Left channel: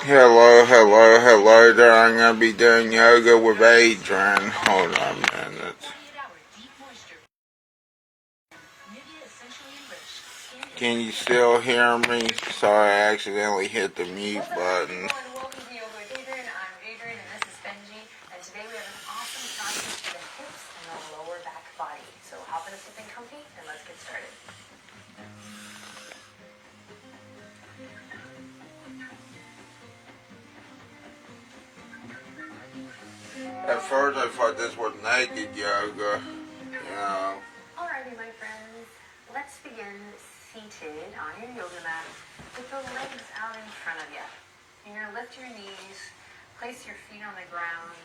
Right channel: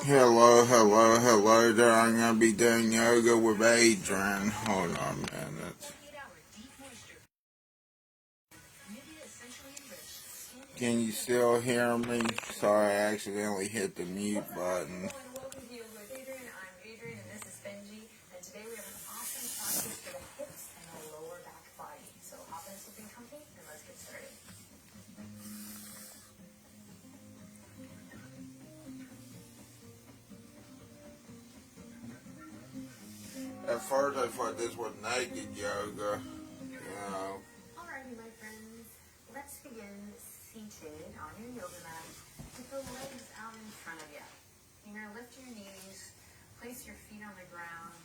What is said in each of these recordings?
Hello, hello, hello there. I'm going to be doing yoga with Adriene. Hold on a minute. Can you still hear me? Sorry, I accidentally hit the mute button. Welcome to Yoga with Adriene. I'm Adriene and this is Benji. And today we have an awesome practice for the hips and the lower back body. So hop in a something comfy and let's get started. At first I thought this was naked yoga, you know. Alrighty, my friends. Let's begin seated on your yoga mat with the legs out in front of you. You're going to lift your knees, place your feet on the ground.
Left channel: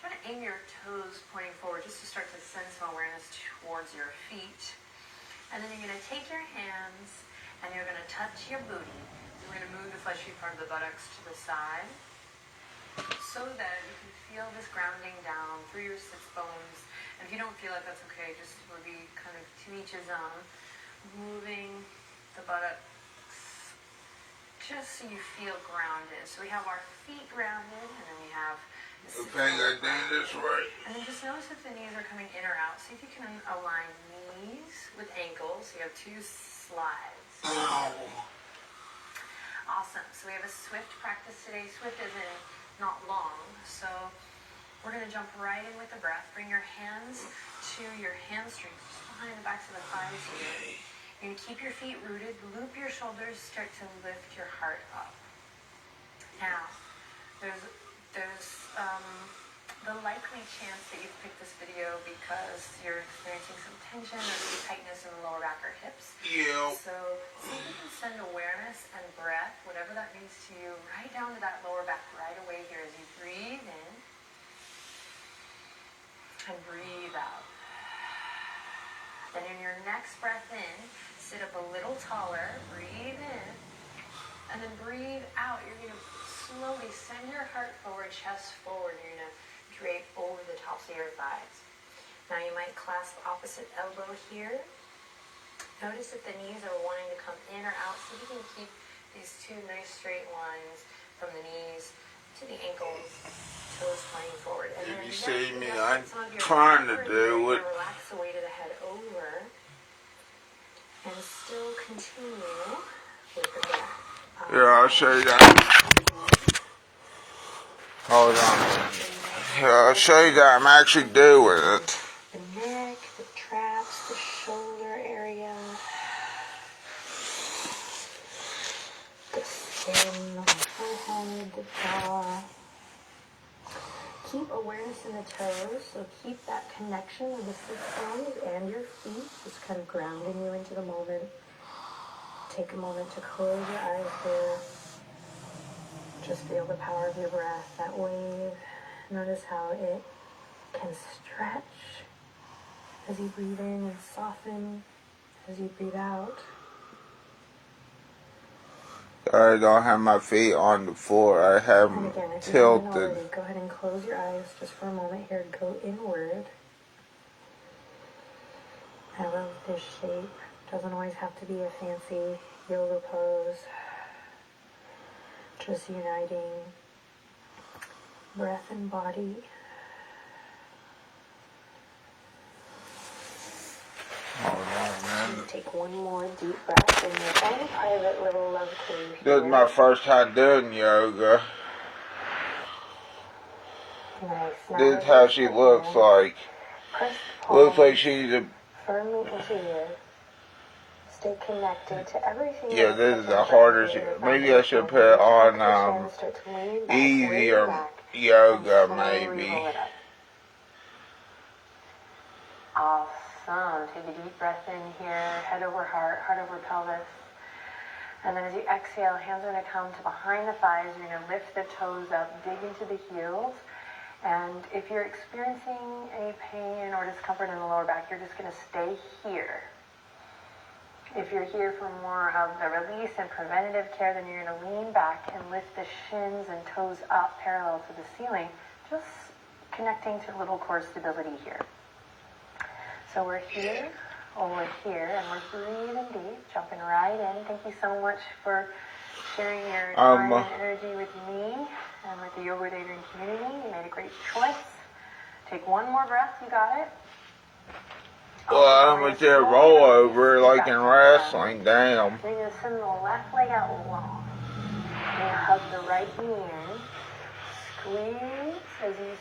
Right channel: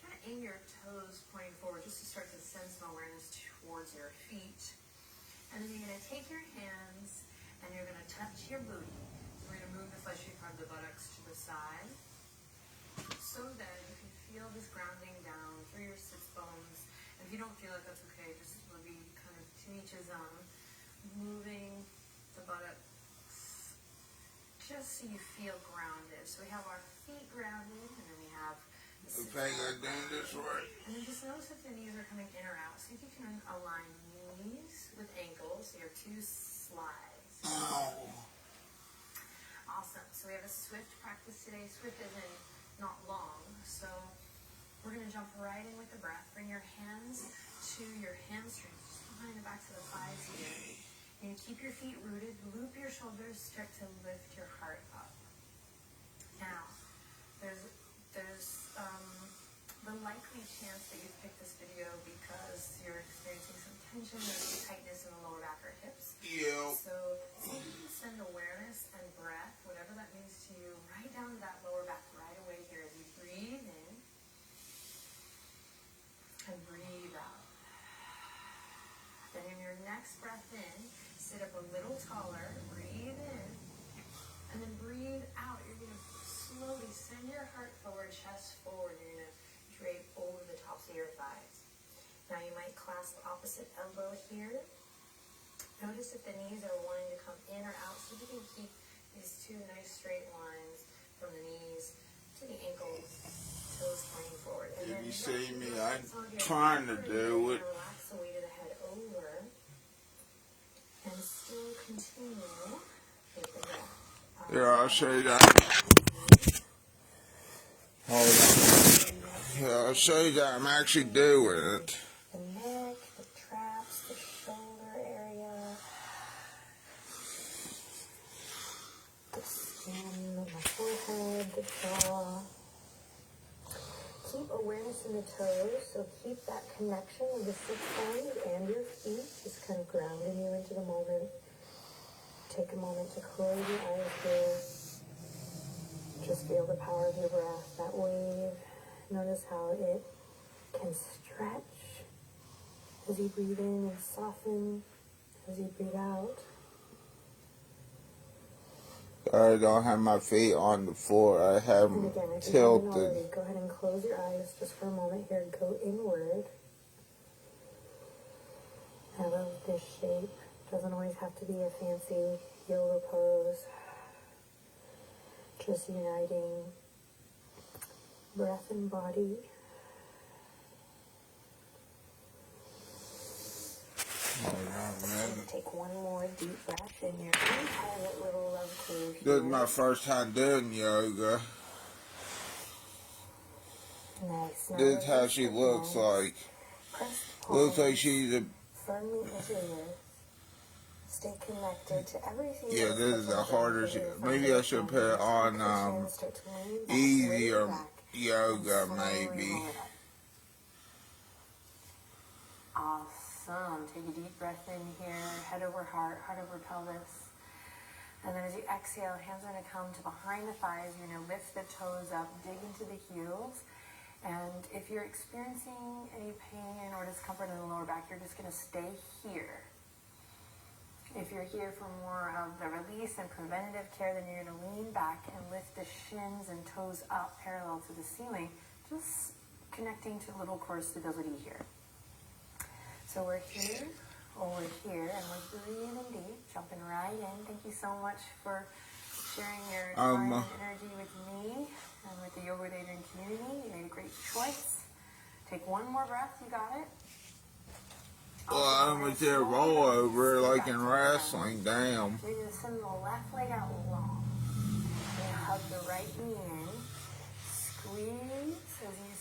Try to aim your toes pointing forward just to start to send some awareness towards your feet. And then you're going to take your hands and you're going to touch your booty. We're going to move the fleshy part of the buttocks to the side so that you can feel this grounding down through your sits bones. And if you don't feel it, that's okay. Just will be kind of to each his own. Moving the buttocks just so you feel grounded. So we have our feet grounded, and then we have the Okay, I did this right. and then just notice if the knees are coming in or out. See if you can align knees with ankles. You have two slides. Ow. Awesome. So we have a swift practice today. Swift is in not long. So we're going to jump right in with the breath. Bring your hands to your hamstrings, just behind the backs of the thighs here. You're going to keep your feet rooted. Loop your shoulders. Start to lift your heart up. Now, there's the likely chance that you've picked this video because you're experiencing some tension or some tightness in the lower back or hips. Yeah. So see if you can send awareness and breath, whatever that means to you, right down to that lower back right away here as you breathe in and breathe out. Then in your next breath in, sit up a little taller, breathe in, and then breathe out. You're going to slowly send your heart forward, chest forward. You're going to drape over the tops of your thighs. Now you might clasp opposite elbow here. Notice if the knees are wanting to come in or out. See if you can keep these two nice straight lines from the knees to the ankles, toes pointing forward. And If then you see me, let I'm some of your trying to power do it. relax the weight of the head over and still continue with the breath. Here, I'll show you that. Hold on. Here, I'll show you that I'm actually doing it. The neck, the traps, the shoulder area, the skin, the forehead, the jaw. Keep awareness in the toes, so keep that connection with the sit bones and your feet, just kind of grounding you into the moment. Take a moment to close your eyes here. Just feel the power of your breath, that wave. Notice how it can stretch as you breathe in and soften as you breathe out. I don't have my feet on the floor. I have And them again, if you tilted. haven't already, go ahead and close your eyes just for a moment here. Go inward. I love this shape. Doesn't always have to be a fancy yoga pose. Just uniting breath and body. Hold on, man. Take one more deep breath in your own private little love cave here. This is my first time doing yoga. Nice. Now This is how she looks like. Press the Looks like palms she's a... firmly into you. Stay connected to everything. Yeah, this is the hardest. Maybe I should put it on easier yoga, maybe. Awesome. Take a deep breath in here, head over heart, heart over pelvis. And then as you exhale, hands are going to come to behind the thighs. You're going to lift the toes up, dig into the heels. And if you're experiencing any pain or discomfort in the lower back, you're just going to stay here. If you're here for more of the release and preventative care, then you're going to lean back and lift the shins and toes up parallel to the ceiling, just connecting to little core stability here. So we're here, over here, and we're breathing deep, jumping right in. Thank you so much for sharing your time and energy with me and with the Yoga with Adriene community. You made a great choice. Take one more breath. You got it. Well, I'm with that roll over like in wrestling. Damn. Then you're going to send the left leg out long. And you hug the right knee in. Squeeze as you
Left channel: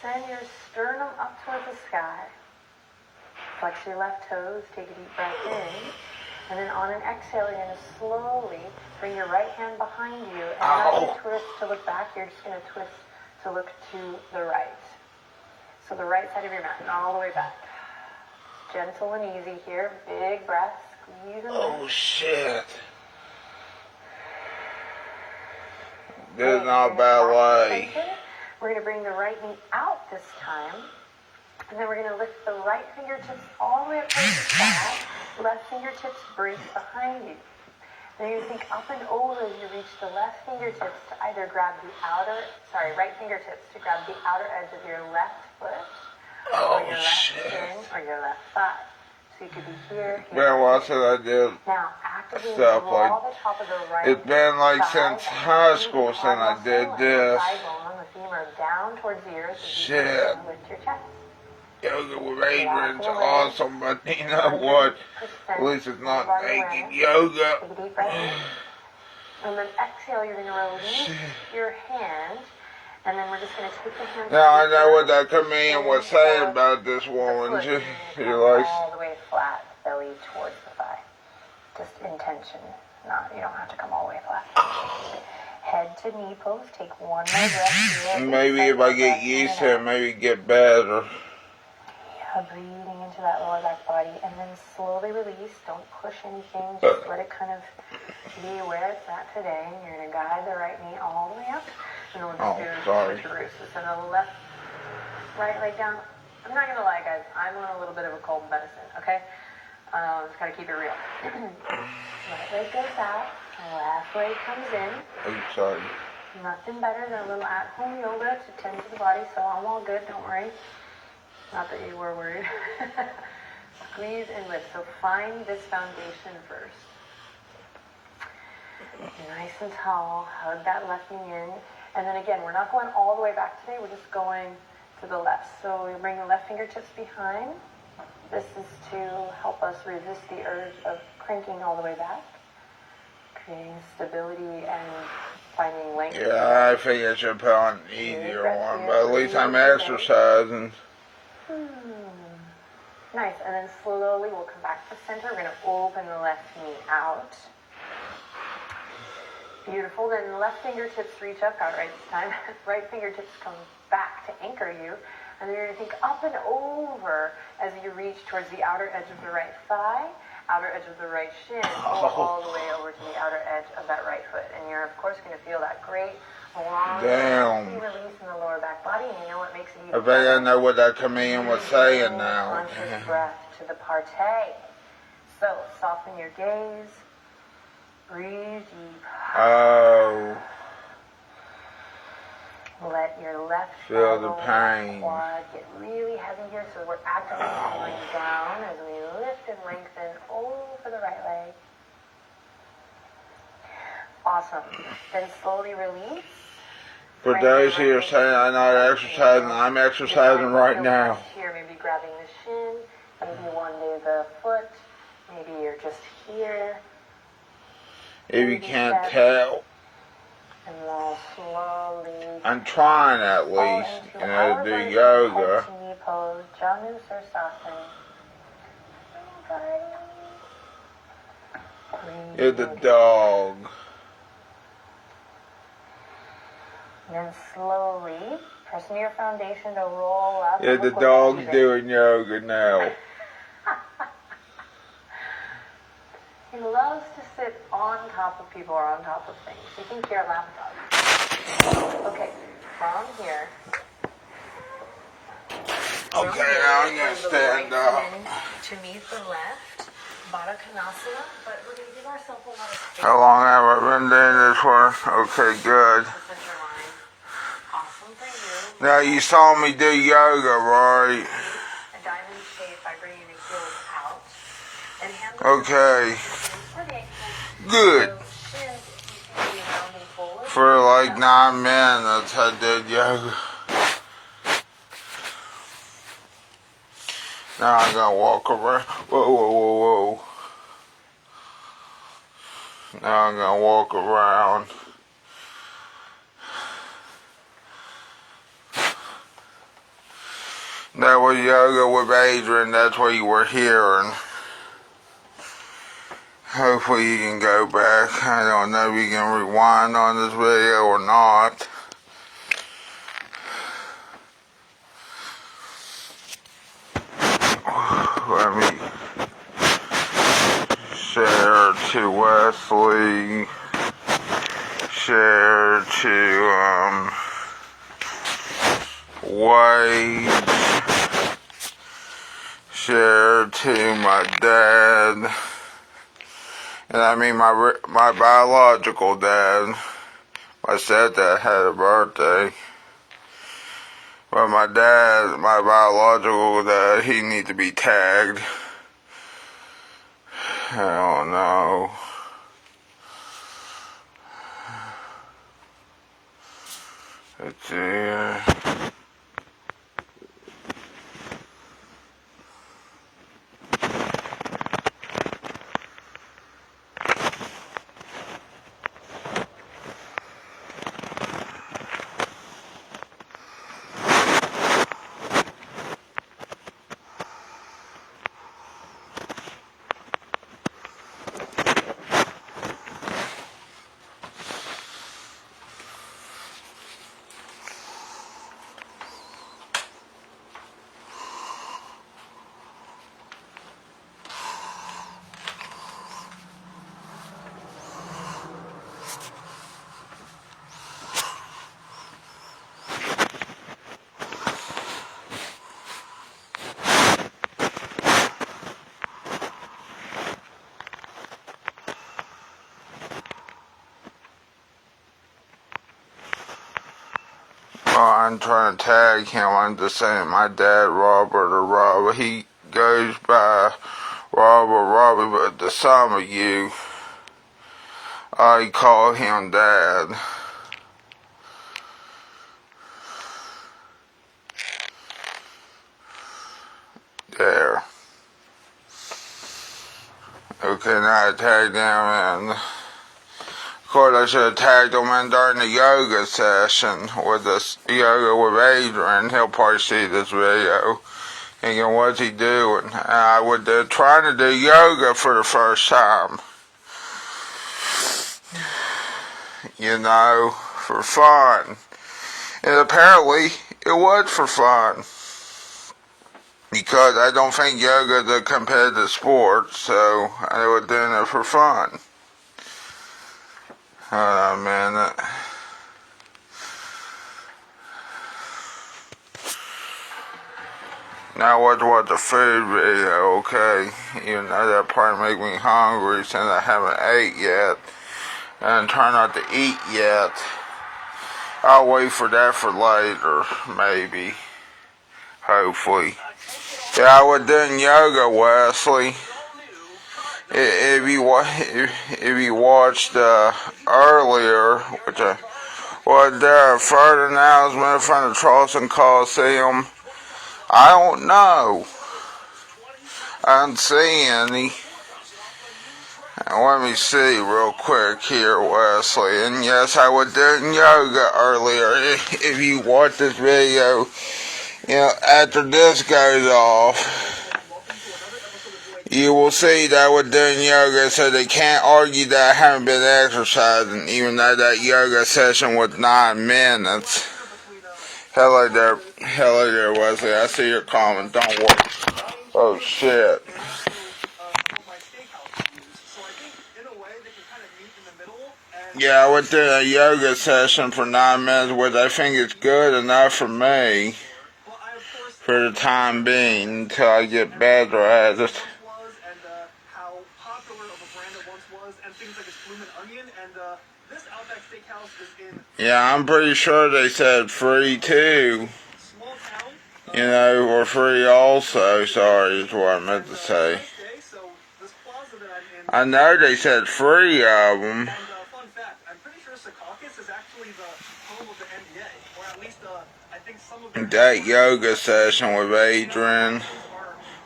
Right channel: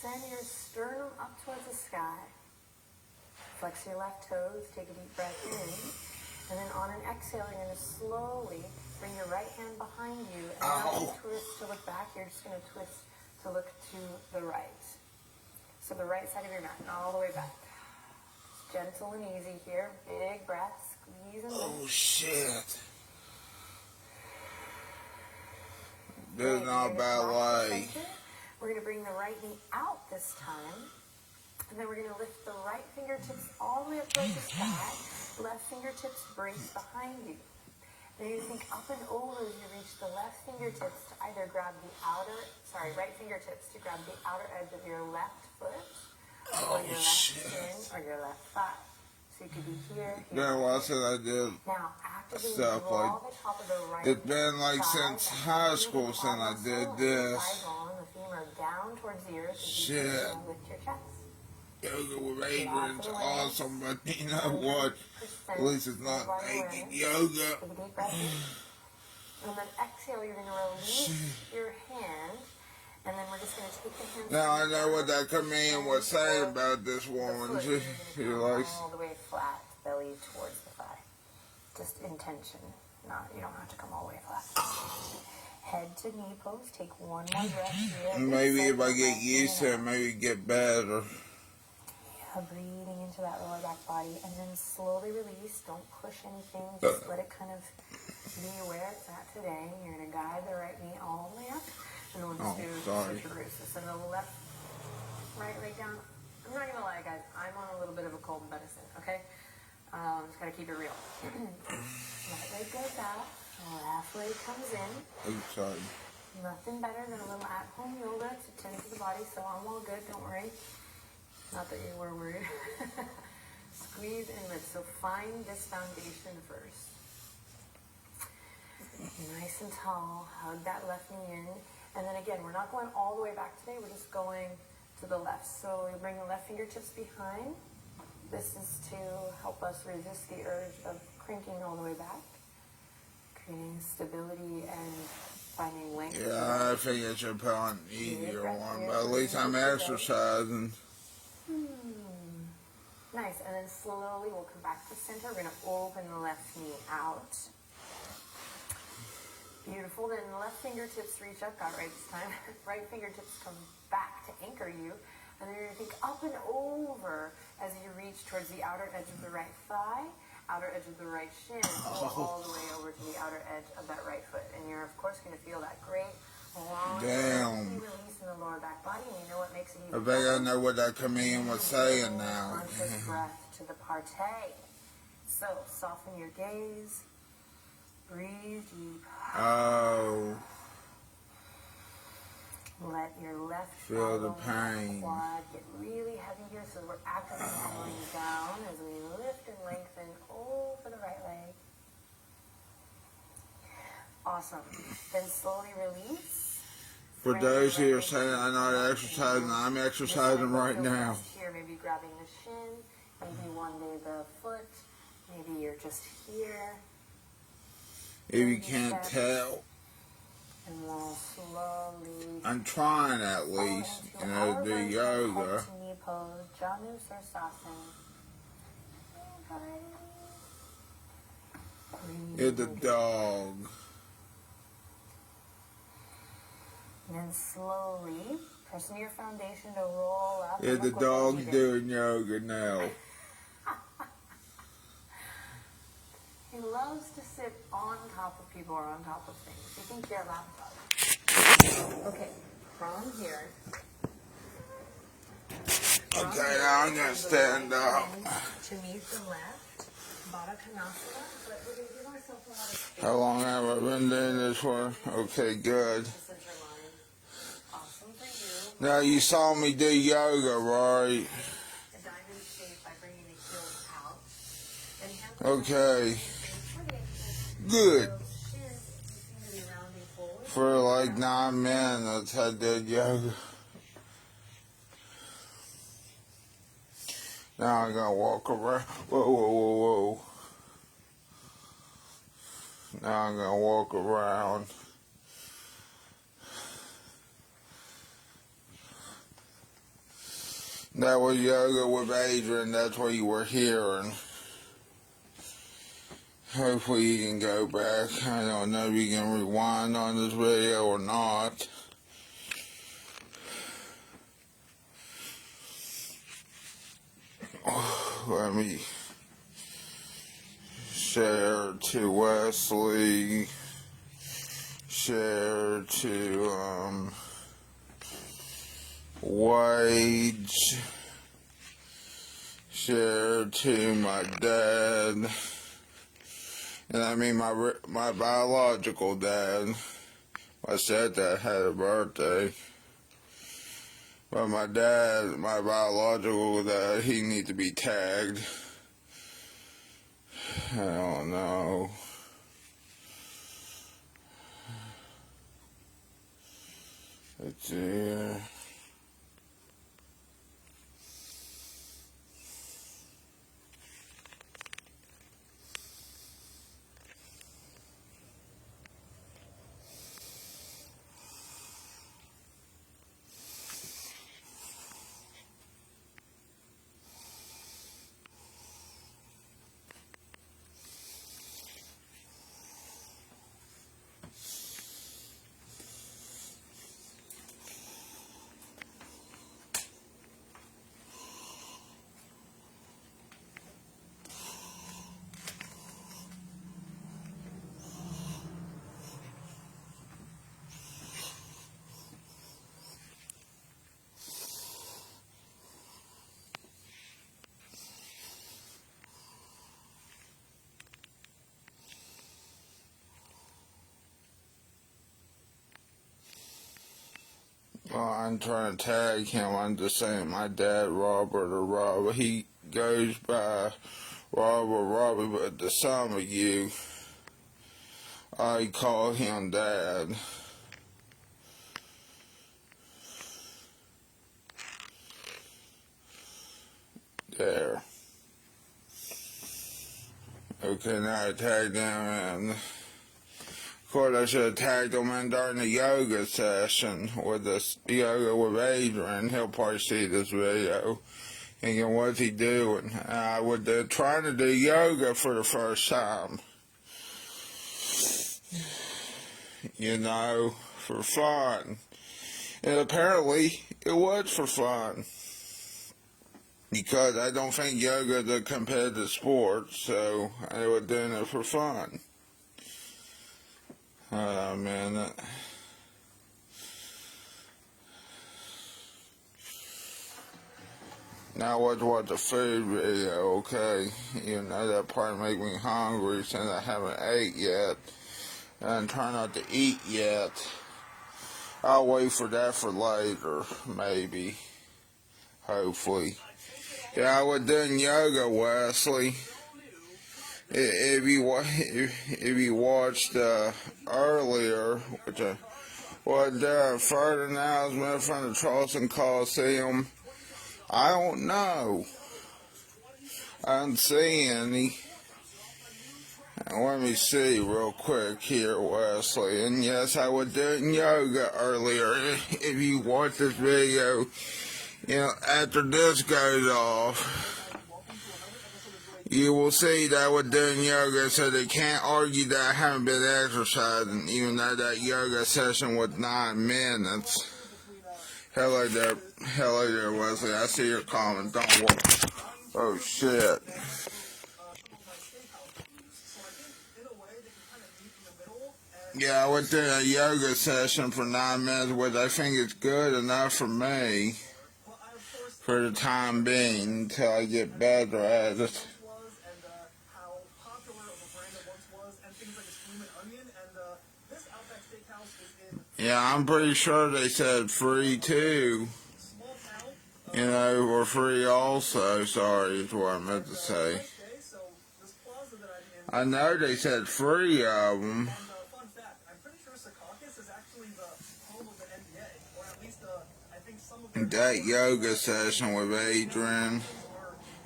send your sternum up towards the sky. Flex your left toes. Take a deep breath in. And then on an exhale, you're going to slowly bring your right hand behind you. And not to twist to look back. You're just going to twist to look to the right. So the right side of your mat and all the way back. Gentle and easy here. Big breath. Squeeze and lift. Oh, shit. This is not ballet. We're going to bring the right knee out this time. And then we're going to lift the right fingertips all the way up to the sky. Left fingertips brace behind you. Then you think up and over as you reach the left fingertips to either grab the right fingertips to grab the outer edge of your left foot. Or your left shin, or your left thigh. So you could be here. Man, watch what I did. Now, actively Stuff draw like, the top of the right it's been like thigh since high school since I did this. The femur down towards the earth. Shit. Lift your chest. Yoga with Adriene's awesome, but you know what? At least it's not naked yoga. Take a deep breath in. And then exhale, you're going to release your hand. And then we're just going to take the hands. Now I know what that comedian was saying about this woman. She likes all the way flat, belly towards the thigh. Just intention. You don't have to come all the way flat. Head to knee pose. Take one more breath. maybe if I get used to it, maybe get better. Yeah, breathing into that lower back body, and then slowly release. Don't push anything. Just let it kind of be where it's at today. And you're going to guide the right knee all the way up. And we'll just do switcheroos. So send the right leg down. I'm not going to lie, guys. I'm on a little bit of a cold medicine, okay? Just got to keep it real. Right leg goes out. Left leg comes in. Oops, sorry. Nothing better than a little at-home yoga to tend to the body, so I'm all good. Don't worry. Not that you were worried. Squeeze and lift. So find this foundation first. Nice and tall. Hug that left knee in. And then again, we're not going all the way back today. We're just going to the left. So we bring the left fingertips behind. This is to help us resist the urge of cranking all the way back. Creating stability and finding length. Yeah, I think I should put on an easier one, but at least I'm exercising. Nice. And then slowly we'll come back to the center. We're going to open the left knee out. Beautiful. Then left fingertips reach up. Got it right this time. Right fingertips come back to anchor you. And then you're going to think up and over as you reach towards the outer edge of the right thigh, outer edge of the right shin, all the way over to the outer edge of that right foot. And you're, of course, going to feel that great long release in the lower back body. And you know what makes it even I think I know what that comedian was saying now. Conscious breath to the partay. So soften your gaze. Breathe deep. Oh. Let your left Feel the pain. quad get really heavy here, so we're actively pulling down as we lift and lengthen over the right leg. Awesome. Then slowly release. For those who are saying I'm not exercising, I'm exercising right now. Here, maybe grabbing the shin, maybe one day the foot, maybe you're just here. If you can't tell, And we'll slowly I'm trying at least, you know, to do yoga. knee pose, Janu Sirsasana. You're the dog. And then slowly press into your foundation to roll up. Yeah, the dog's doing yoga now. He loves to sit on top of people or on top of things. You think you're a lapdog. Okay, from here. Okay, now I'm gonna stand up. To meet the left, Baddha Konasana, but we're going to give ourselves a lot of space. How long have I been doing this for? Okay, good. The center line. Awesome for you. Now you saw me do yoga, right? A diamond shape by bringing the heels out. And hands Okay. for the ankles. Good. So shins, you can For like 9 minutes I did yoga. Now I'm gonna walk around. Whoa, whoa, whoa, whoa. Now I'm gonna walk around. That was Yoga with Adriene. That's what you were hearing. Hopefully you can go back. I don't know if you can rewind on this video or not. Let me share to Wesley. Share to Wade. Share to my dad. And I mean my biological dad. My stepdad had a birthday. But my dad, my biological dad, he needs to be tagged. I don't know. Let's see here. I'm trying to tag him. I'm just saying my dad, Robert or Robert, he goes by Robert, but to some of you, I call him Dad. There. Okay, now I tagged him and of course, I should have tagged him in during the yoga session with this Yoga with Adriene. He'll probably see this video. Thinking, what's he doing? And I was trying to do yoga for the first time. You know, for fun. And apparently, it was for fun. Because I don't think yoga is a competitive sport, so I was doing it for fun. Hold on a minute. Now what's the food video, okay? Even though that probably make me hungry since I haven't ate yet. And try not to eat yet. I'll wait for that for later, maybe. Hopefully. Yeah, I was doing yoga, Wesley. If you watched earlier, which was there a further announcement from the Charleston Coliseum? I don't know. I didn't see any. Let me see real quick here, Wesley. And yes, I was doing yoga earlier. If you watch this video, you know, after this goes off, you will see that I was doing yoga, so they can't argue that I haven't been exercising, even though that yoga session was 9 minutes. Hello there, Wesley. I see your comment. Don't worry. Oh, shit. Yeah, I went through a yoga session for 9 minutes, which I think is good enough for me for the time being until I get better at it. Yeah, I'm pretty sure they said free too. You know, or free also. Sorry, is what I meant to say. I know they said free of them. that yoga session with Adriene,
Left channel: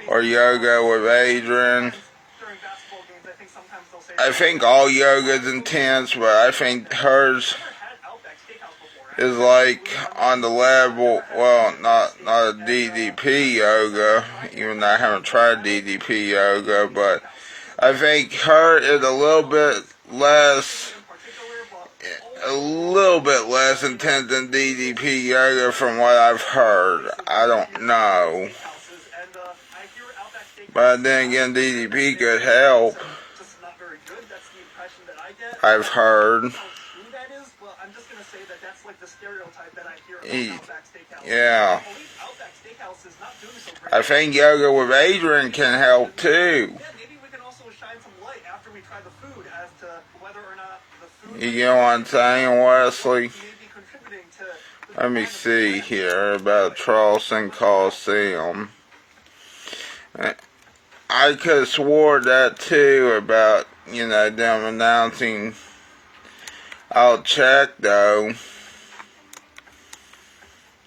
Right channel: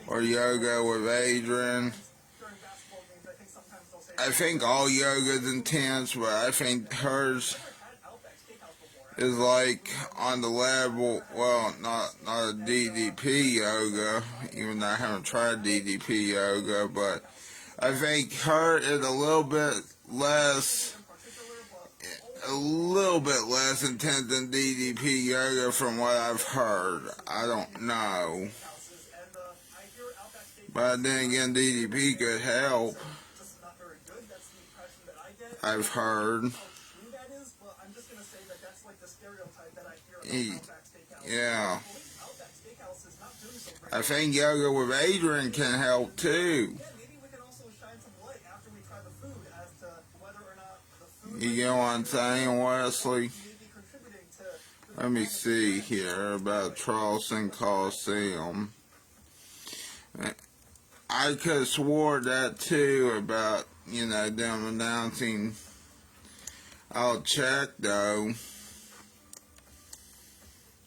or Yoga with Adriene. I think all yoga is intense, but I think hers is like on the level, well, not a DDP yoga, even though I haven't tried DDP yoga, but I think her is a little bit less intense than DDP yoga from what I've heard. I don't know. But then again, DDP could help, I've heard. Yeah. I think Yoga with Adriene can help too. You get what I'm saying, Wesley? Let me see here about Charleston Coliseum. I could have swore that too about, them announcing. I'll check though.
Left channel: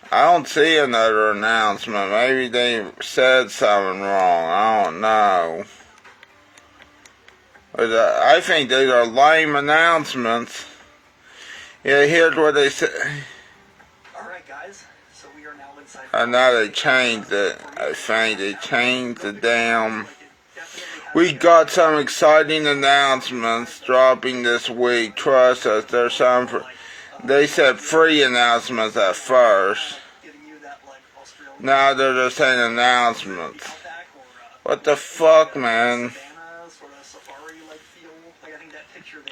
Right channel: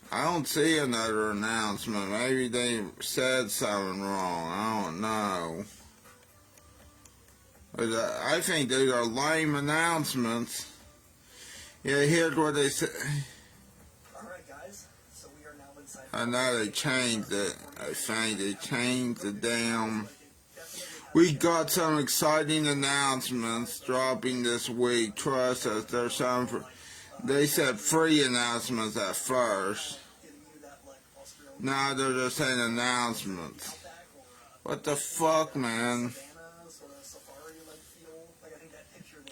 I don't see another announcement. Maybe they said something wrong. I don't know. But I think these are lame announcements. Yeah, here's what they say. Alright guys, so we are now inside. I know they changed it. I think they changed the damn. We got some exciting announcements dropping this week. Trust us, there's some. They said free announcements at first. Now they're just saying announcements. What the fuck, man?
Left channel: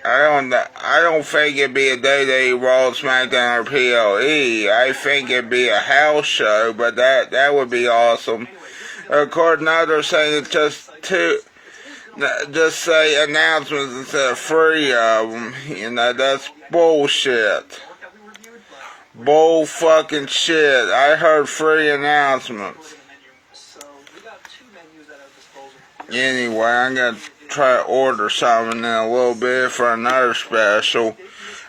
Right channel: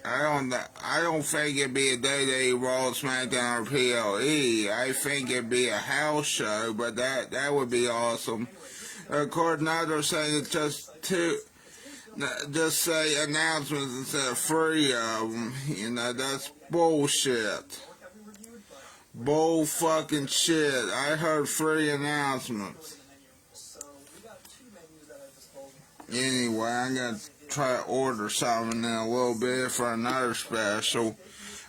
I don't think it'd be a day-to-day Raw, SmackDown, or PLE. I think it'd be a house show, but that would be awesome. Of course, now they're saying it's just say announcements instead of free of them. That's bullshit. Bull fucking shit. I heard free announcements. Anyway, I'm gonna try to order something in a little bit for another special.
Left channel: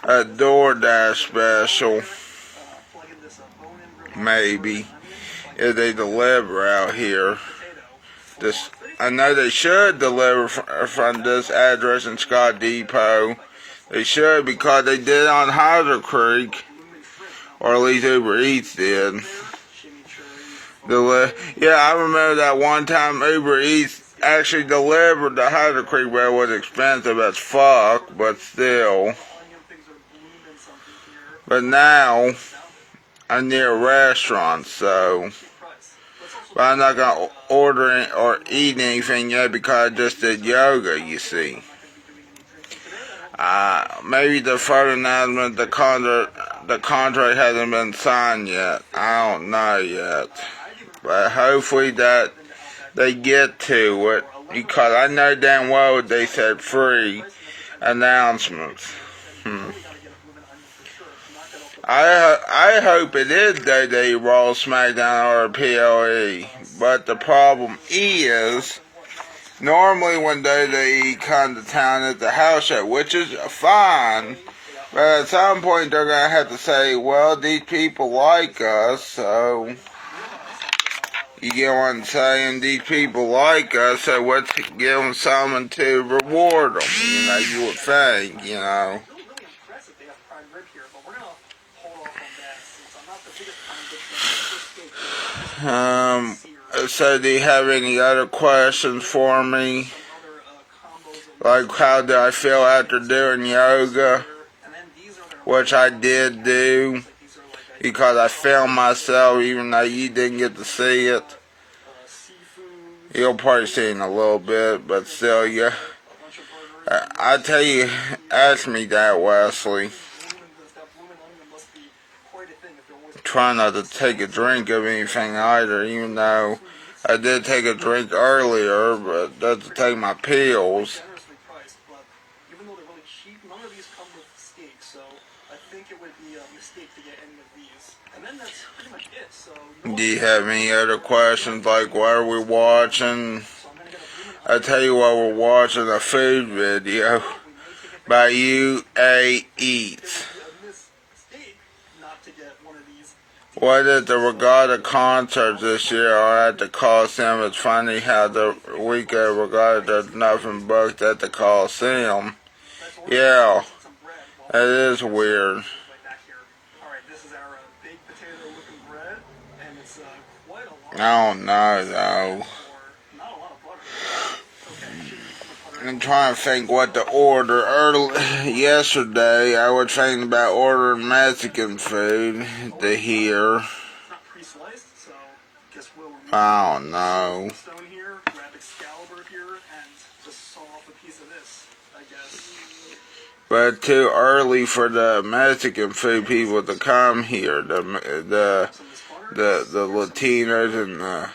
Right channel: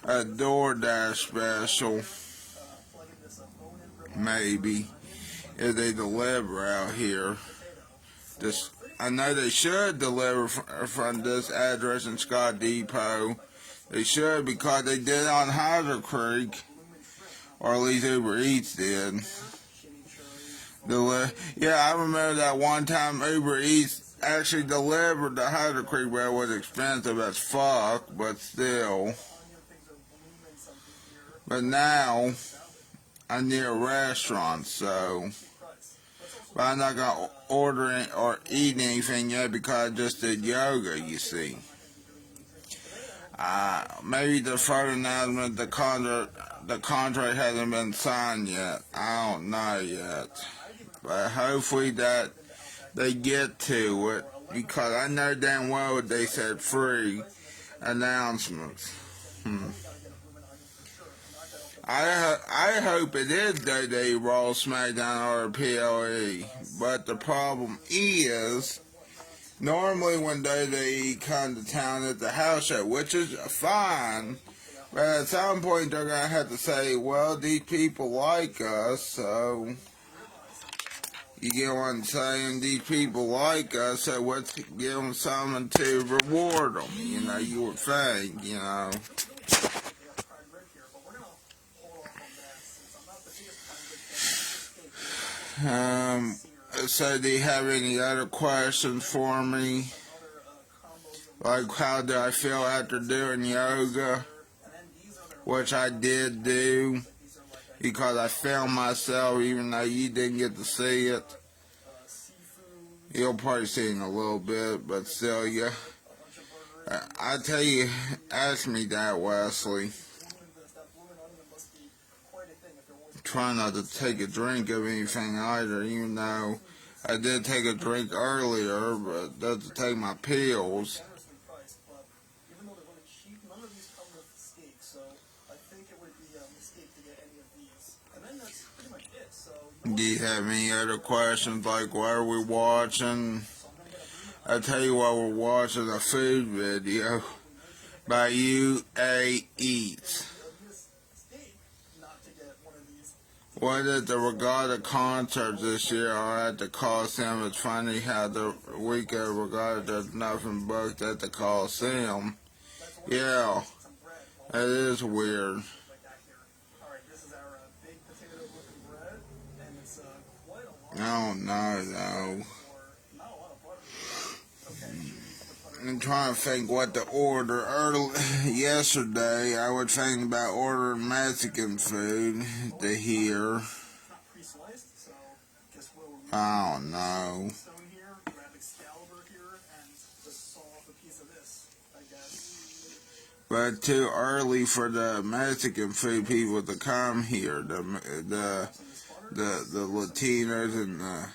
A DoorDash special. Maybe. If they deliver out here. I know they should deliver from this address in Scott Depot. They should, because they did on Howser Creek. Or at least Uber Eats did. Yeah, I remember that one time Uber Eats actually delivered to Howser Creek, but it was expensive as fuck, but still. But now, I'm near a restaurant, so. But I'm not going to order or eat anything yet because I just did yoga, you see. Maybe the further announcement, the contract hasn't been signed yet. I don't know yet. But hopefully that they get to it, because I know damn well they said free announcements. I hope it is Day Raw, SmackDown, or PLE. But the problem is, normally when WWE comes to town at the house show, which is fine, but at some point they're going to have to say, well, these people like us, so, you get what I'm saying? These people like us, so let's give them something to reward them, you would think, So do you have any other questions for me? Like, how do I feel after doing yoga? Which I did do, because I filmed myself, even though you didn't get to see it. You'll probably see it in a little bit, but still, yeah. I tell you, ask me that, Wesley. Try not to take a drink of anything either, even though I did take a drink earlier, but that's to take my pills. Do you have any other questions, like what are we watching? I tell you what, we're watching a food video by UA Eats. Was it the Regatta concert this year or at the Coliseum? It's funny how the week of Regatta there's nothing booked at the Coliseum. Yeah, it is weird. I don't know though. I'm trying to think what to order. Yesterday, I was thinking about ordering Mexican food to here. I don't know. But too early for the Mexican food people to come here. The Latinos and the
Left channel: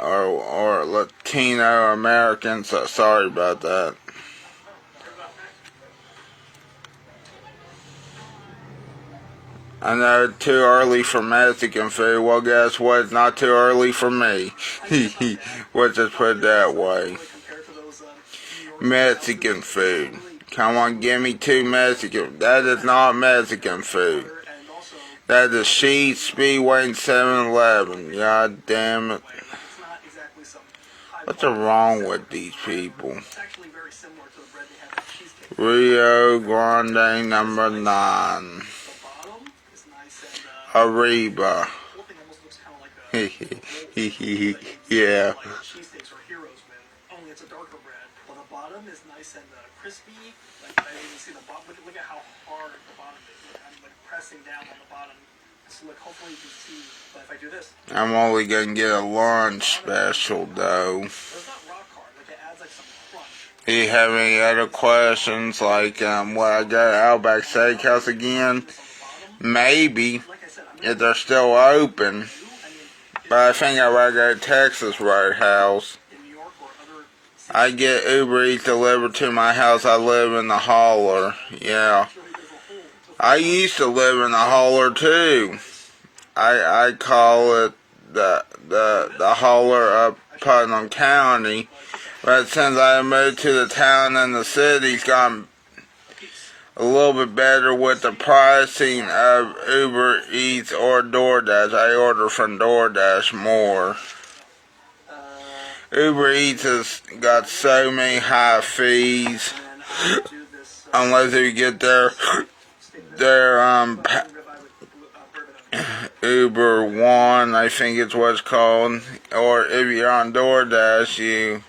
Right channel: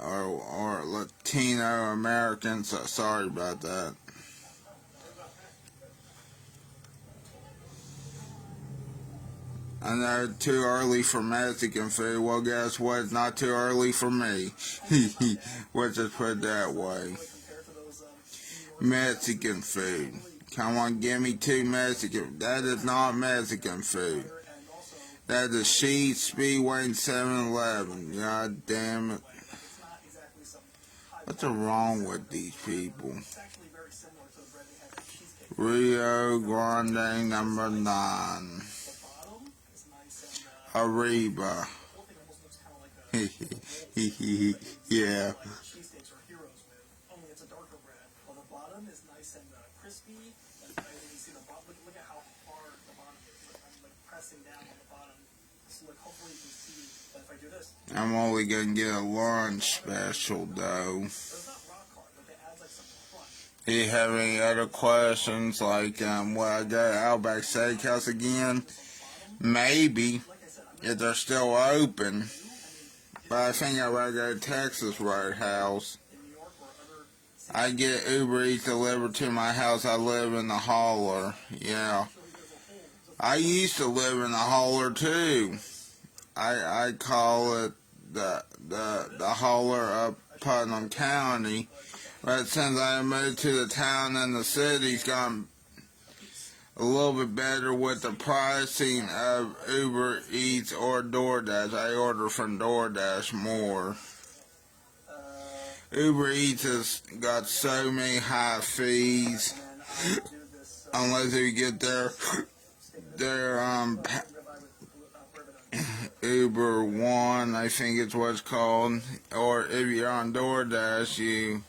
or Latino Americans. So sorry about that. I know it's too early for Mexican food. Well, guess what? It's not too early for me. Let's just put it that way. Mexican food. Come on, give me 2 Mexican. That is not Mexican food. That is Sheetz, Speedway, and 7-Eleven. God damn it. What's wrong with these people? Rio Grande number 9. Arriba. Yeah. I'm only gonna get a lunch special though. Do you have any other questions? Like, will I go to OUTBACK Steakhouse again? Maybe, if they're still open. But I think I'd rather go to Texas Roadhouse. I get Uber Eats delivered to my house. I live in the holler. Yeah. I used to live in the holler too. I call it the holler of Putnam County. But since I moved to the town and the city's gotten a little bit better with the pricing of Uber Eats or DoorDash. I order from DoorDash more. Uber Eats has got so many high fees. Unless you get their Uber One, I think it's what it's called. Or if you're on DoorDash, you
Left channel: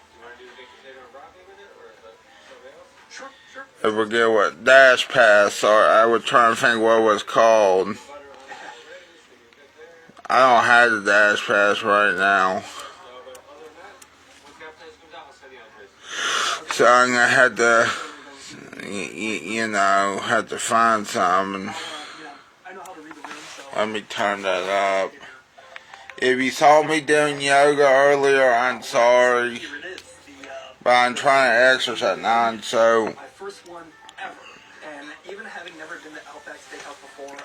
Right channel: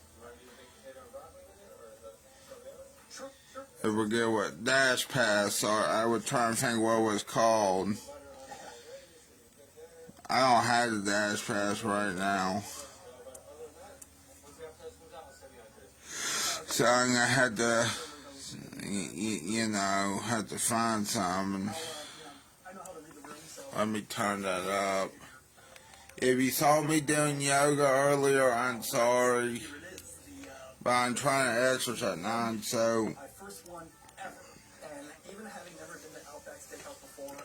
I forget what Dash Pass, or I was trying to think what it was called. I don't have the Dash Pass right now, so I'm gonna have to, have to find some. And let me turn that up. If you saw me doing yoga earlier, I'm sorry, but I'm trying to exercise now, so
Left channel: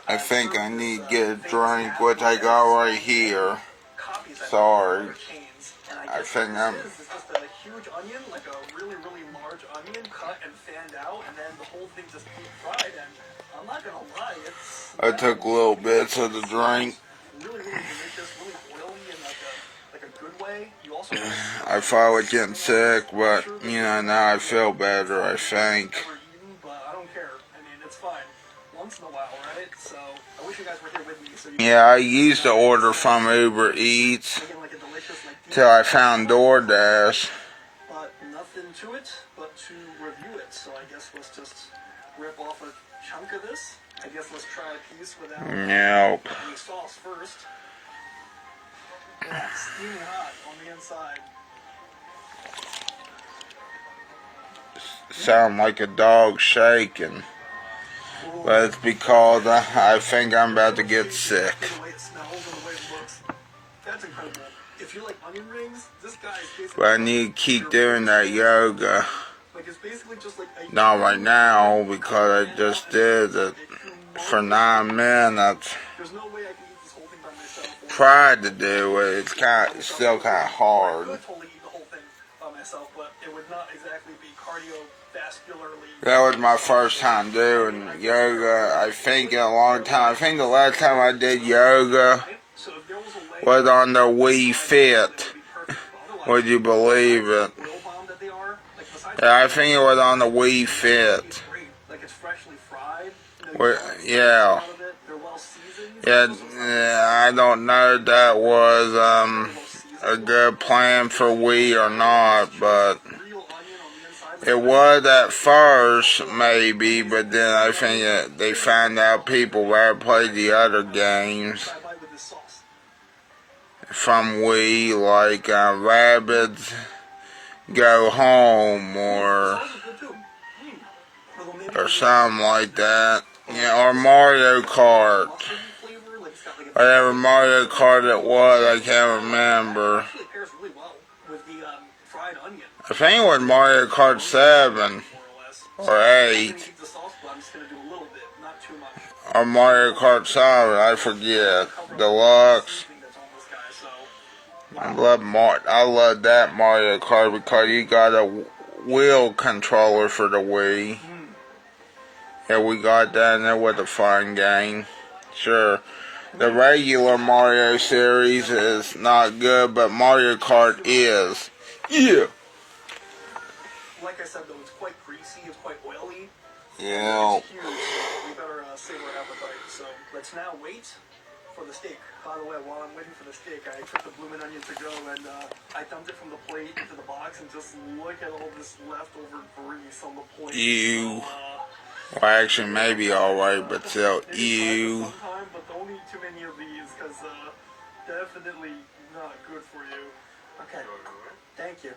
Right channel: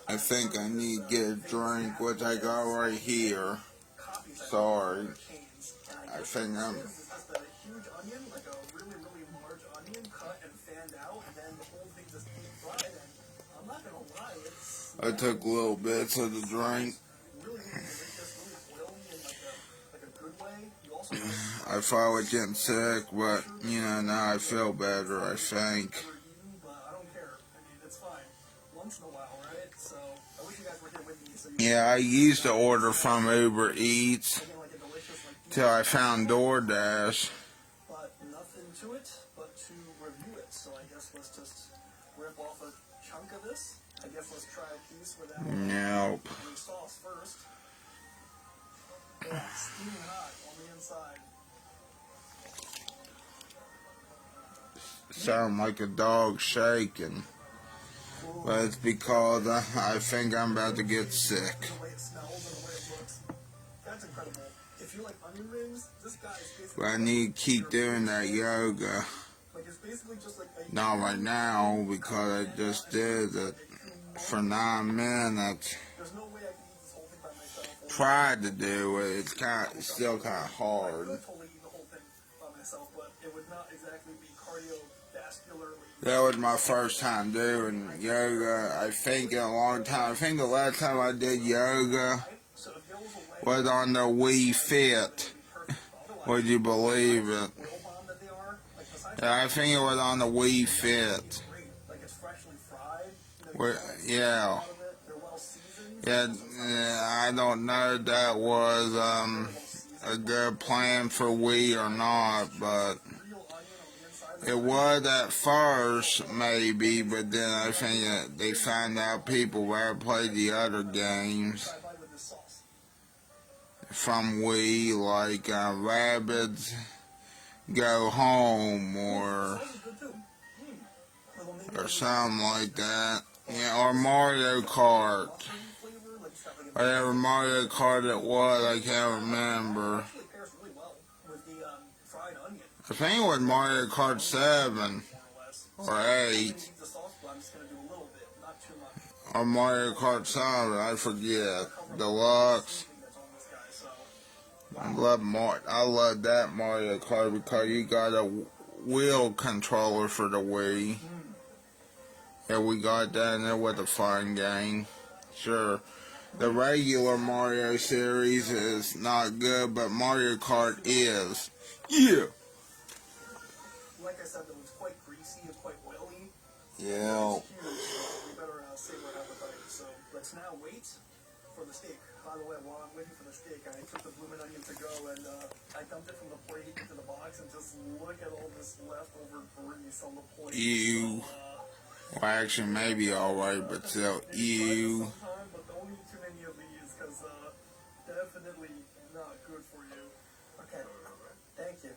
I think I need to get a drink, which I got right here. Sorry. I think I'm... I took little bits of the drink. I thought I was getting sick, but, now I feel better, I think. Yeah, I used to order from Uber Eats till I found DoorDash. But nothing to it but to review it. So I guess let's just rip off a chunk of this. I guess let's try a piece without any sauce first. Yeah, steaming hot on the inside. Sound like a dog shaking. But it's because I think I'm about to get sick. But I need to keep doing that yoga. Not right now, because I just did it for 9 minutes. Tried to do it. It's still kind of hard. cardiovascularly. That was my first time doing yoga, I think, in a long time. I think the last time I did yoga So if there was a leg was on the Wii Fit. Would you believe it? oil bomb that they are, like besides Yeah, I think it was on the Wii Fit. it's great. Like it's freshly fried. Yeah. Out of it. They're well seasoned. Yeah, I don't know if that was a good plan for Wii or not, but Real onion on the inside. it was at first, maybe, but then I think they found out people that played the other games I buy with this sauce. from Wii, like Rabbids Go Home Sauce is good too. Although maybe or something like that. Yeah, or Mario Kart. mustardy flavor, like it's got like a Whatever Mario Kart it was, I can't remember. actually pairs really well with the fried onion, I think it was Mario Kart 7 more or less. or I'm 8 gonna keep the sauce, but I'm just gonna do a little bit, not too much. or Mario Kart 7, I forget. Deluxe. Seasoning that's on this guy, so I love that Mario Kart because you got a wheel controller for the Wii. Yeah, we got that and it was a fun game. Sure. The regular Mario series is not good, but Mario Kart is. Yeah. like I said though, it's quite greasy, it's quite oily. Yeah. It's huge, so we better save our appetite. So let's now wait for the steak. By the way, while I'm waiting for the steak, I took the bloomin' onion to go and I dumped it from the plate into the box and just look at all this leftover grease on the plate. Ew. So, Well, actually, maybe alright, but still, ew. sometime, but don't eat too many of these because definitely not good for you. Okay, thank you.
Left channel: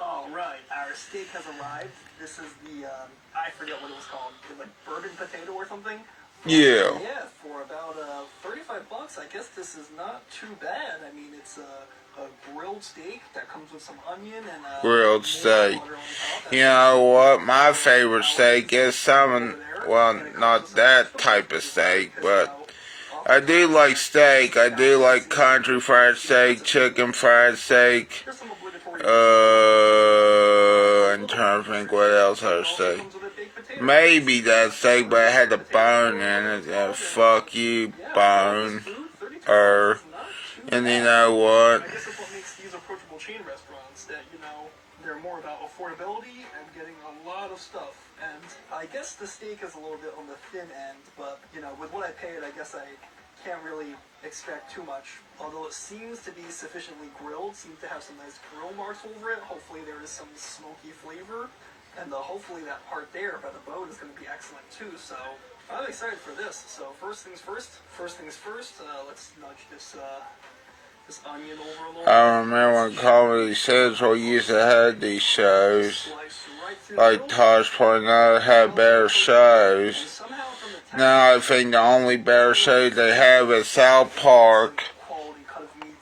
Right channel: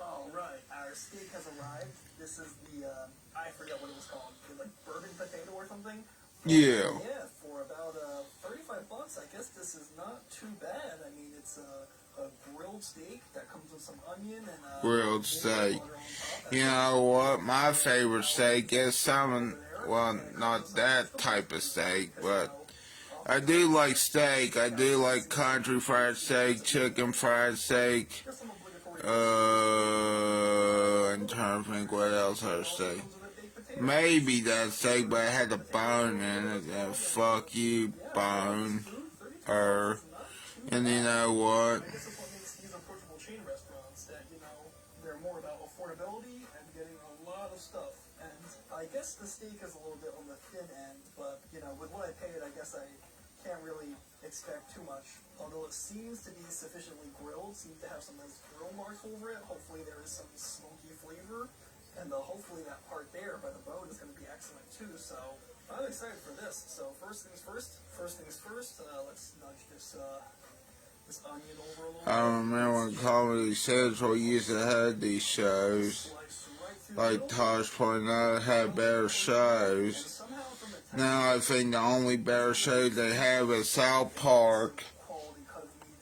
All right, our steak has arrived. This is the I forget what it was called, like bourbon potato or something. Yeah. Yeah, for about $35, I guess this is not too bad. I mean, it's a grilled steak that comes with some onion and Grilled steak. You know what? My favorite steak is well, not that type of steak, but I do like steak. I do like country fried steak, chicken fried steak. I'm trying to think what else I say. Maybe that steak, but it had a bone in it. Fuck you, bone. And you know what? I guess that's what makes these approachable chain restaurants, that, they're more about affordability and getting a lot of stuff. And I guess the steak is a little bit on the thin end, but, with what I paid, I guess I can't really expect too much. Although it seems to be sufficiently grilled, seems to have some nice grill marks over it. Hopefully there is some smoky flavor. And hopefully that part there by the bone is going to be excellent too. So I'm excited for this. So first things first, let's nudge this onion over a little bit. I remember when Comedy Central used to have these shows. Slice right through Like the Tosh pointed out, had better shows. somehow from the Now I think the only better shows they have is South Park quality cut of meat.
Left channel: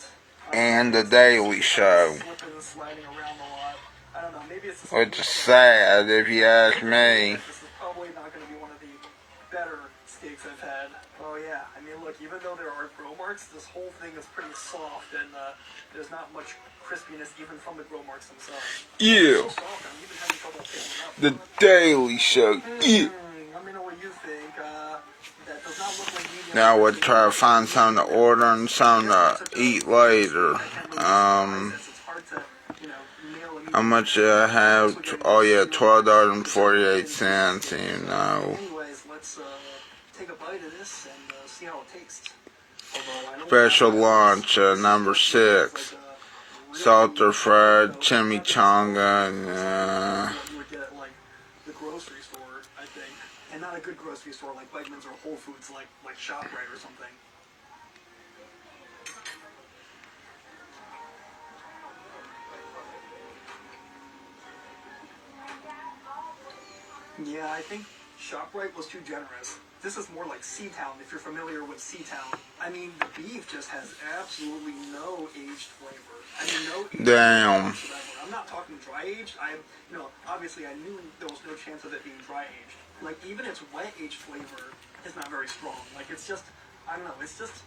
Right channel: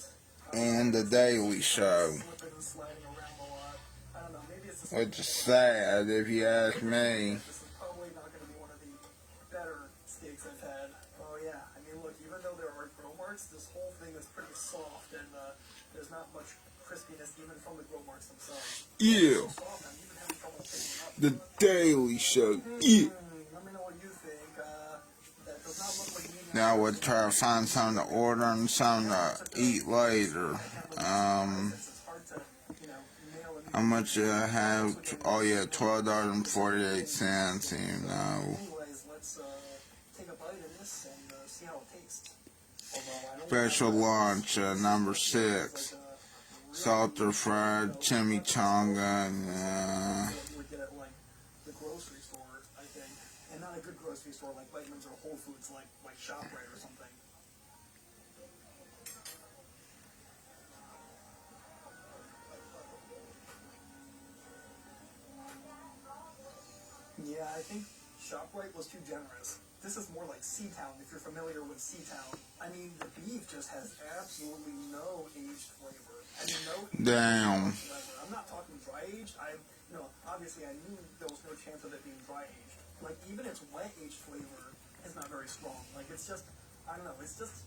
and The Daily Show. Slipping and sliding around a lot. I don't know, maybe it's the Which is sad if you ask me. This is probably not going to be one of the better steaks I've had. Oh yeah, I mean look, even though there are grill marks, this whole thing is pretty soft and there's not much crispiness even from the grill marks themselves. Yeah. So soft, I'm even having trouble picking it up. The Daily Show. Yeah. Let me know what you think. That does not look like medium. Now we'll try to find something to order and something to eat later. It's hard to, nail a How much did I have? Oh yeah, $12.48, Anyways, let's take a bite of this and see how it tastes. Special lunch, number 6. Salter fried chimichanga and, You would get at like the grocery store, I think, and not a good grocery store like Wegmans or Whole Foods, like ShopRite or something. Yeah, I think ShopRite was too generous. This is more like Seatown, if you're familiar with Seatown. I mean, the beef just has absolutely no aged flavor. I mean, no aged damn. flavor. I'm not talking dry aged. Obviously I knew there was no chance of it being dry aged. Like, even its wet aged flavor is not very strong. Like, it's just, I don't know, it's just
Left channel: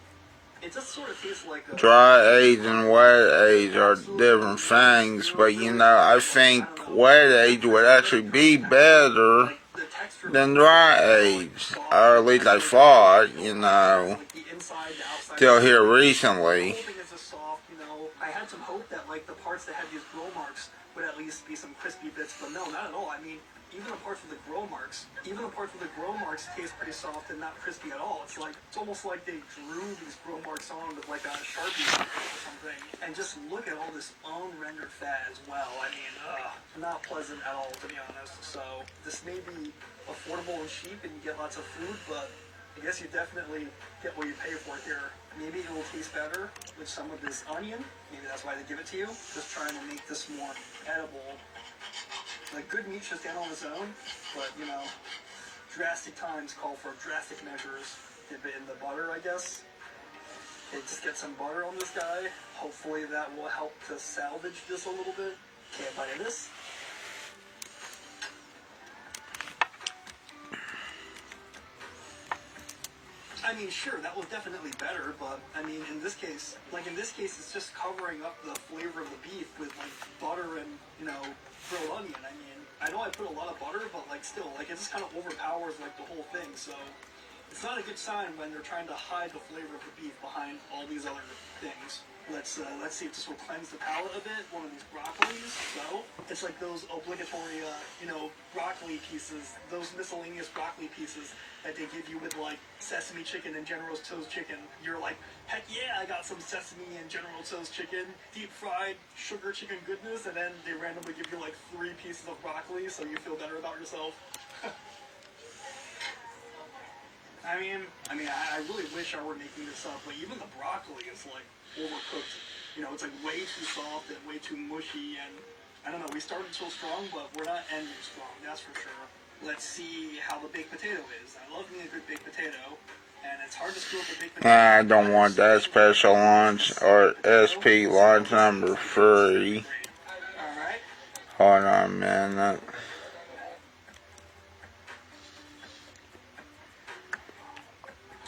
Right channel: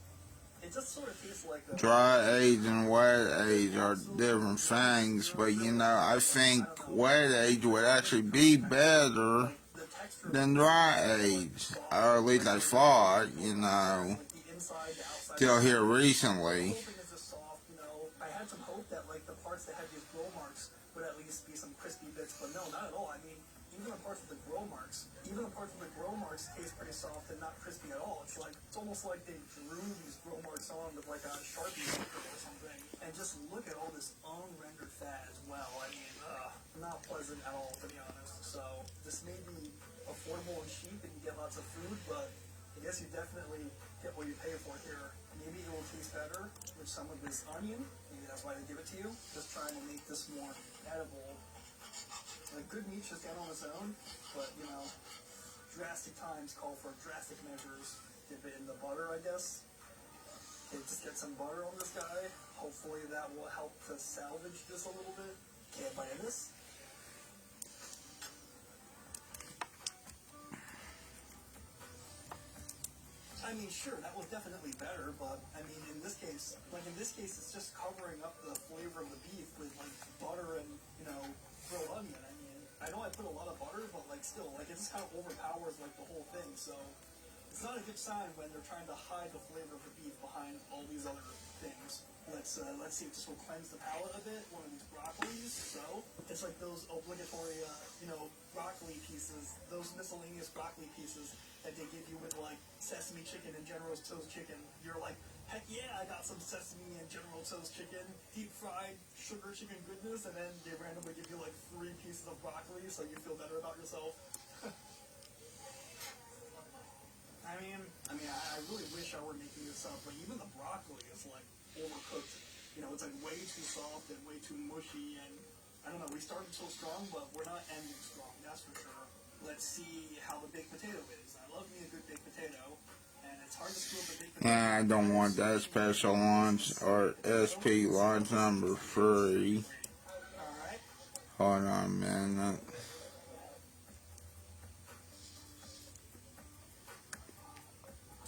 it just sort of tastes like a Dry age and wet age are different things, but you know, I think wet age would actually be better like the texture than dry age, or at least I thought, you know, like the inside, the outside. till here The recently. whole thing is just soft, you know. I had some hope that like the parts that had these grill marks would at least be some crispy bits, but no, not at all. I mean, even the parts with the grill marks taste pretty soft and not crispy at all. It's almost like they drew these grill marks on with like a Sharpie or something. And just look at all this unrendered fat as well. I mean, not pleasant at all, to be honest. So this may be affordable and cheap and you get lots of food, but I guess you definitely get what you pay for here. Maybe it will taste better with some of this onion. Maybe that's why they give it to you. Just trying to make this more edible. Like, good meat should stand on its own, but, you know, drastic times call for drastic measures. Dip it in the butter, I guess. Okay, just get some butter on this guy. Hopefully that will help to salvage this a little bit. Okay, a bite of this. I mean, sure, that was definitely better, but, I mean, in this case, it's just covering up the flavor of the beef with, like, butter and, you know, grilled onion. I mean, I know I put a lot of butter, but, like, still, like, it just kind of overpowers, like, the whole thing, so it's not a good sign when they're trying to hide the flavor of the beef behind all these other things. Let's see if this will cleanse the palate a bit. One of these broccolis. So it's like those obligatory, you know, broccoli pieces, those miscellaneous broccoli pieces that they give you with like sesame chicken and General Tso's chicken. You're like, heck yeah, I got some sesame and General Tso's chicken, deep fried sugar chicken goodness, and then they randomly give you like 3 pieces of broccoli so you feel better about yourself. I mean, I really wish I were making this up, but even the broccoli is like overcooked. You know, it's like way too soft and way too mushy, and I don't know, we started so strong, but we're not ending strong, that's for sure. Let's see how the baked potato is. I love me a good baked potato, and it's hard to screw up a baked potato. I don't want that special lunch or SP lunch number 3. Alright. Hold on a minute.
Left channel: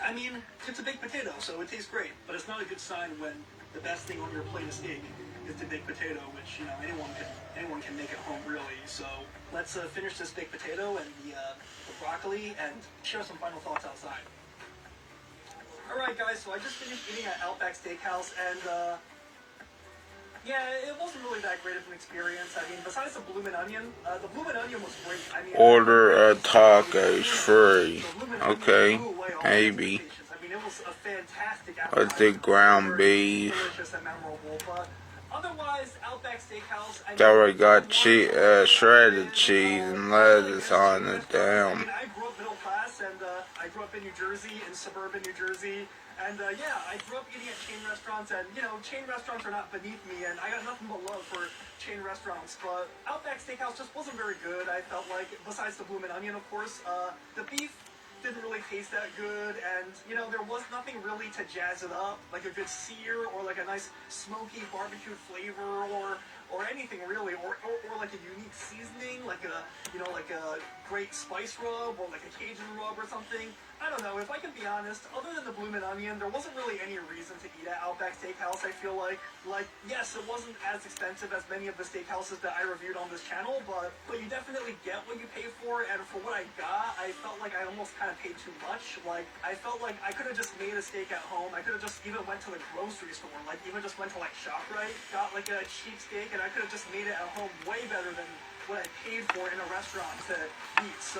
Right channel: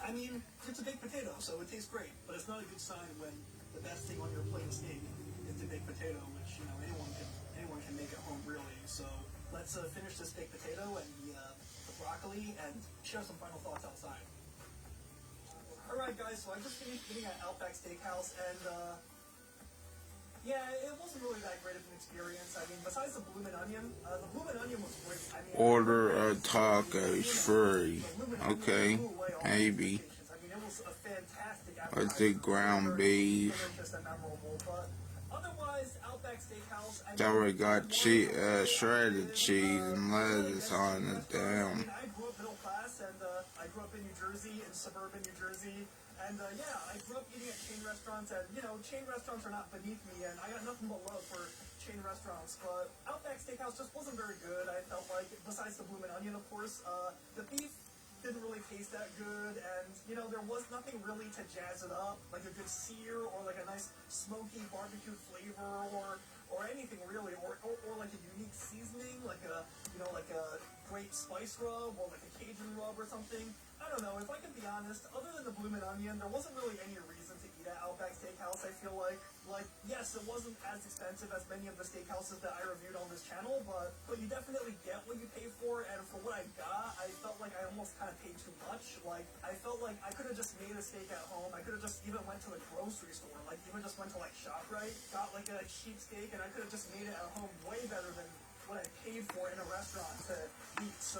I mean, it's a baked potato, so it tastes great, but it's not a good sign when the best thing on your plate of steak is the baked potato, which, you know, anyone can make at home, really. So let's finish this baked potato and the broccoli and share some final thoughts outside. Alright, guys, so I just finished eating at Outback Steakhouse, and, yeah, it wasn't really that great of an experience. I mean, besides the bloomin' onion was great. I mean, Order a tacos free. Okay, maybe. I mean, it was a fantastic Let's do ground beef. delicious and memorable, but otherwise, Outback Steakhouse. It's already got shredded cheese and lettuce on it. Damn. I grew up middle class, and I grew up in New Jersey, in suburban New Jersey. And yeah, I grew up eating at chain restaurants, and you know, chain restaurants are not beneath me, and I got nothing but love for chain restaurants. But Outback Steakhouse just wasn't very good. I felt like, besides the bloomin' onion, of course, the beef didn't really taste that good, and you know, there was nothing really to jazz it up, like a good sear or like a nice smoky barbecue flavor or anything really, or like a unique seasoning, like a, you know, like a great spice rub or like a Cajun rub or something. I don't know, if I can be honest, other than the bloomin' onion, there wasn't really any reason to eat at Outback Steakhouse, I feel like. Like, yes, it wasn't as expensive as many of the steakhouses that I reviewed on this channel, but you definitely get what you pay for, and for what I got, I felt like I almost kind of paid too much. Like, I felt like I could have just made a steak at home. I could have just even went to the grocery store, like even just went to like ShopRite, got like a cheap steak, and I could have just made it at home way better than what I paid for in a restaurant to eat. So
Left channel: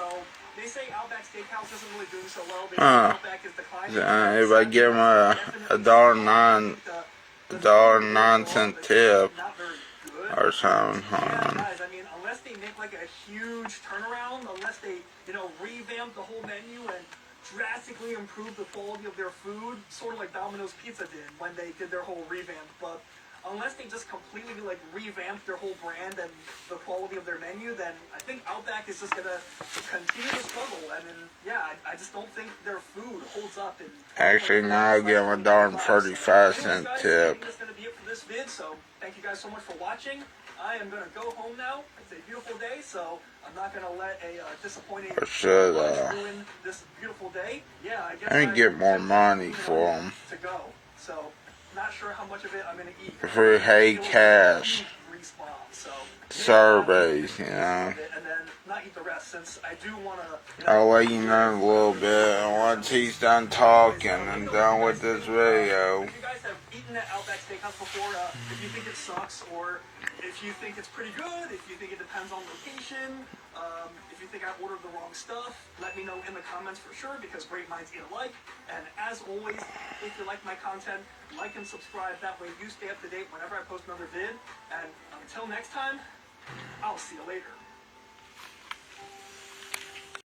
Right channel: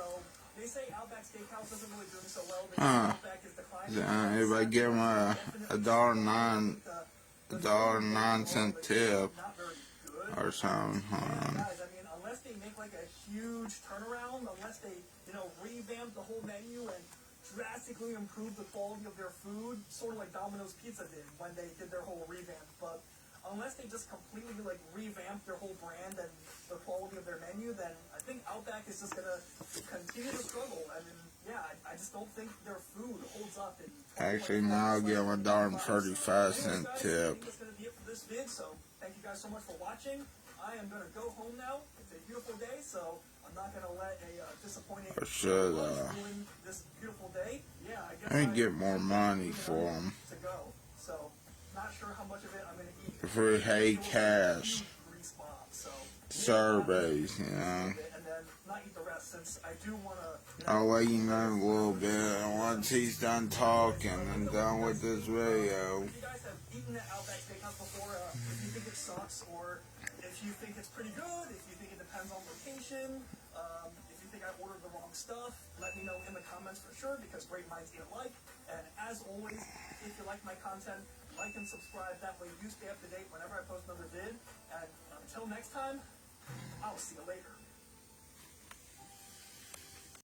they say Outback Steakhouse isn't really doing so well because Outback is declining. If I give him a $1.09 tip or something, hold on. Guys, I mean, unless they make like a huge turnaround, unless they, you know, revamp the whole menu and drastically improve the quality of their food, sort of like Domino's Pizza did when they did their whole revamp, but unless they just completely like revamp their whole brand and the quality of their menu, then I think Outback is just gonna continue to struggle. I mean, yeah, I just don't think their food holds up. Actually, now I'll give him a $1.35 tip. That's gonna be it for this vid. So thank you guys so much for watching. I am gonna go home now. It's a beautiful day, so I'm not gonna let a disappointing Should ruin this beautiful day. Yeah, I guess let me get more money for him. to go. So, not sure how much of it I'm going to eat. If we hate cash, So, surveys, you know. and then not eat the rest, since I do want to. I'll let you know in a little bit, and once he's done talking and done with this video. If you guys have eaten at Outback Steakhouse before, if you think it sucks, or if you think it's pretty good, if you think it depends on location, if you think I ordered the wrong stuff, let me know in the comments for sure, because great minds eat alike. And as always, if you like my content, like and subscribe. That way you stay up to date whenever I post another vid. And until next time, I'll see you later.